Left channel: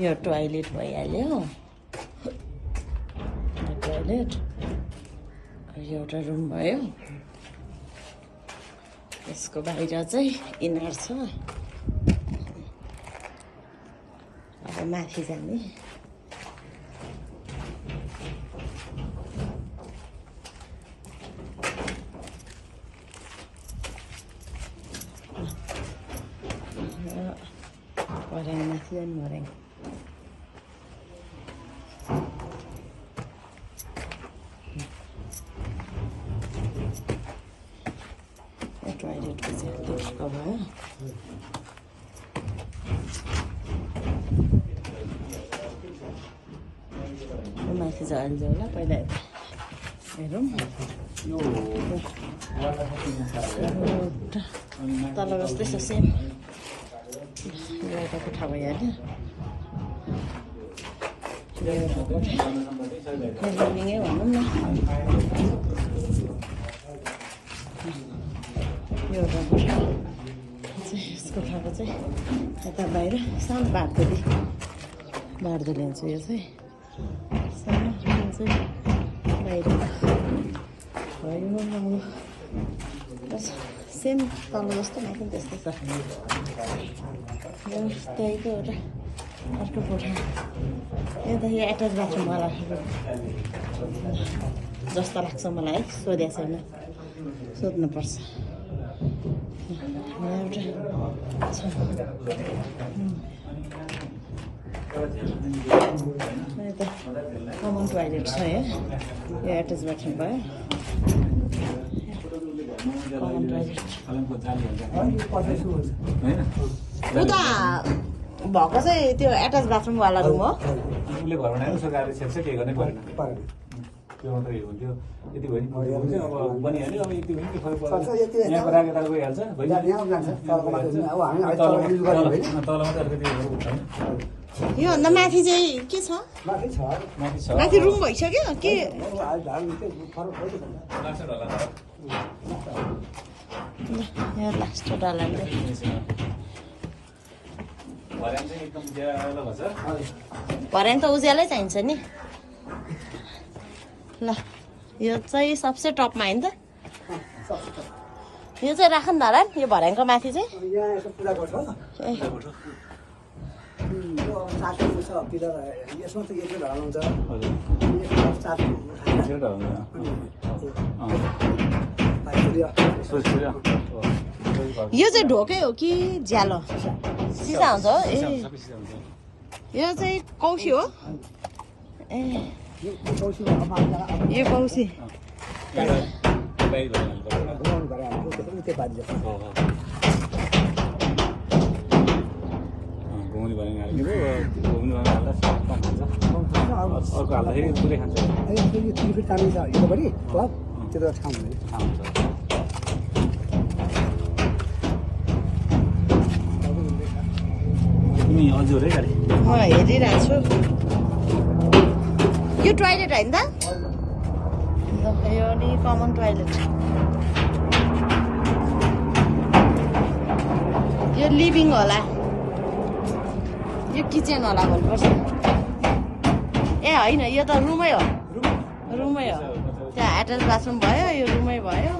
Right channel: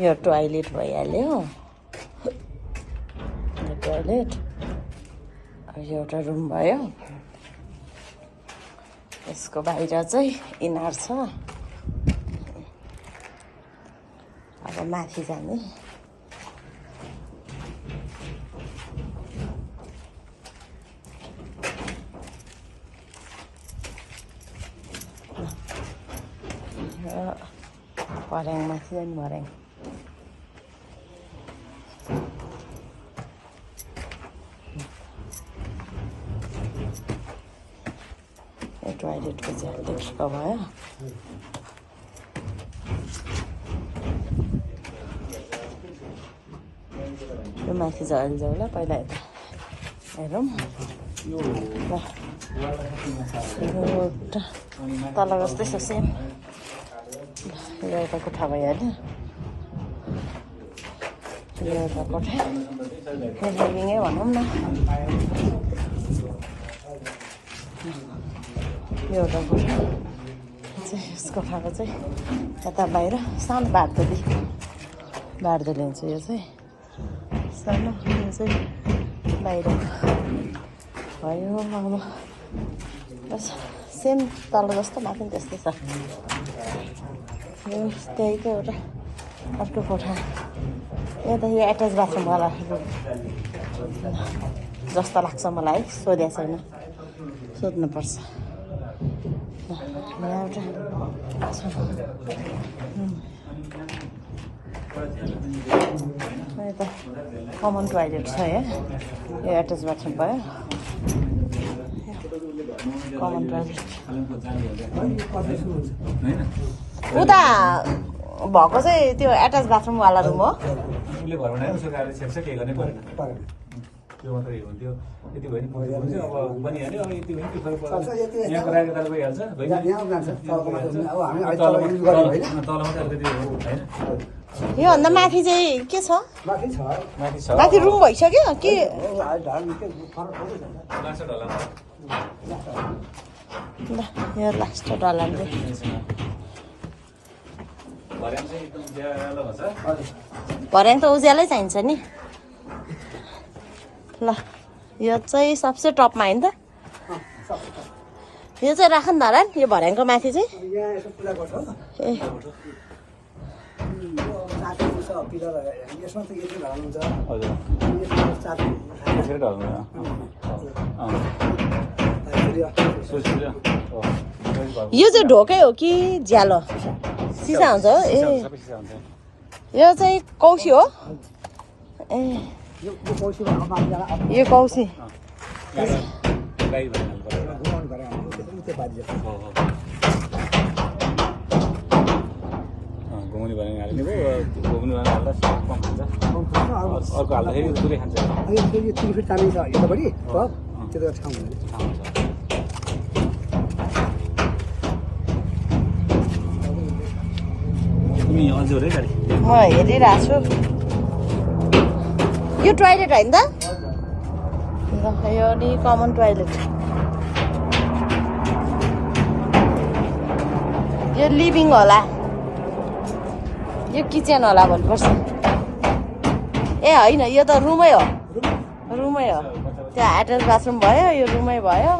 यो टोयलेट भइहाल्यो टोयलेट एउटा रुम भयो यसको बाहिर चाहिँ इनार छ अब माथि जाने भर्याङ माथि जाने भर्याङ टोयलेटको चाहिँ देखिएको भयो यो माथि चाहिँ अहिले जाउँ ल पहिला हेरौँ तल जस्तै छ सेम यो एउटा कोठा भइहाल्यो यो एउटा कोठा लिभिङै भनौँ न यो एउटा कोठा यसको खाएको चाहिँ यता बाहिर सानो बार्दो लिन्छु यो चाहिँ सानो चाहिँ बाहिर भयो अब बस सेम तल जस्तो माथि पनि त्यस्तै छ त्यहीको एउटा अर्को कोठा यो त यो एट्याच बाथरुमवाला जस्तो लाग्छ मलाई है सोधेको छैन सोध्नुपर्छ एउटा यता कमन टोयलेट छ है यो एट्याच बाथरुम भयो कमन टोयलेट उता भएको चाहिँ त्यो एट्याच बाथरुमवाला रुम हो त्यो मात्रै हुन्थ्यो यति भयो नि अब बनिहाल्यो अब यति भयो नि यहाँको राखेर गइहाल्छ तल मात्रै अलिकति हुन्छ योभन्दा माथि चाहिँ के छ माथि रुम भइसक्यो के यो लास्ट डलाले भर्याङ त उज्यालै चाहिन्छ नि ल यो चाहिँ सबसे टपमा होइन त यो चाहिँ राख न नारायण यो भर्याङको माथि चाहिँ यो चाहिँ ढोकै हो कि ज्यालो सिसा हुन्छ ए यो चाहिँ कौसी हो ए यो कौसी घुम्ने भने हाल्ने भयो घुम्ने भने हाल्दा कम हुन्छ अर्को हाल्दाखेरि पुरै खान्छ हजुर है म हेरिरहेको छु यो टोयलेट होइन त यो नि कमन टोयलेट यो लिभिङ होला यो किचन होला भन्नुपर्छ ए होइन यो त रुमै हो त्यहाँ एट्याच बाथरुम भयो यो रुमै भयो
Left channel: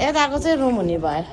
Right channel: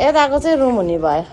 यताको चाहिँ रुम हुने भयो